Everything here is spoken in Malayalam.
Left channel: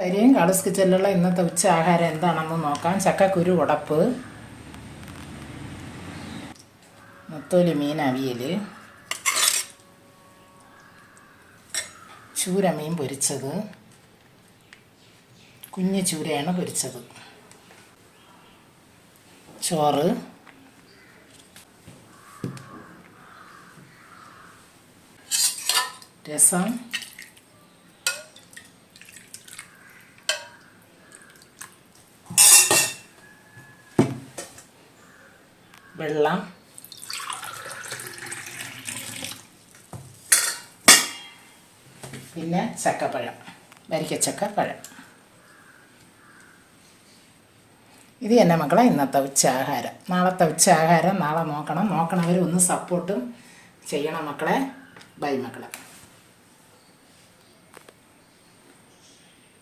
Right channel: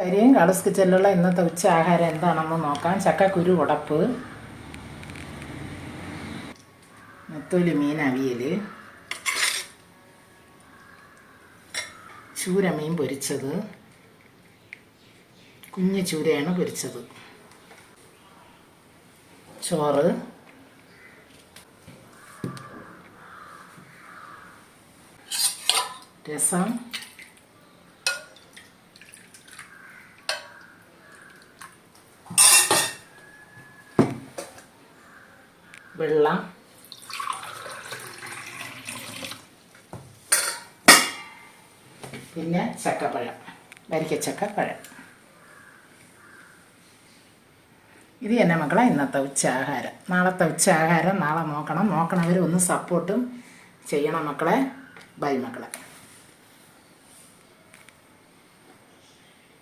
കരിയും കളസ് കിച്ചനിലുള്ള ഇന്നത്തെ ഉച്ച ആഹാരം എന്താണെന്ന് നോക്കാം. ചക്കക്കുരു ഉടപ്പ്, നെത്തോലി മീൻ അവിയൽ, ചൂര മീൻ പൊരിച്ചത്, കുഞ്ഞു ചൂരയാണ് പൊരിച്ചത്, ചോറ്, രസം, വെള്ളം, പിന്നെ ചക്കപ്പഴം, വരിക്കച്ചക്കപ്പഴം. ഇത് തന്നെ മക്കളെ ഇന്നത്തെ ഉച്ചയാഹാരം. നാളത്തെ ഉച്ചയാഹാരം നാളെ നോക്കണം. നോക്കണവർ ഒന്ന് സപ്പോർട്ടും ചെയ്യണം മക്കളെ. ബൈ മക്കളെ.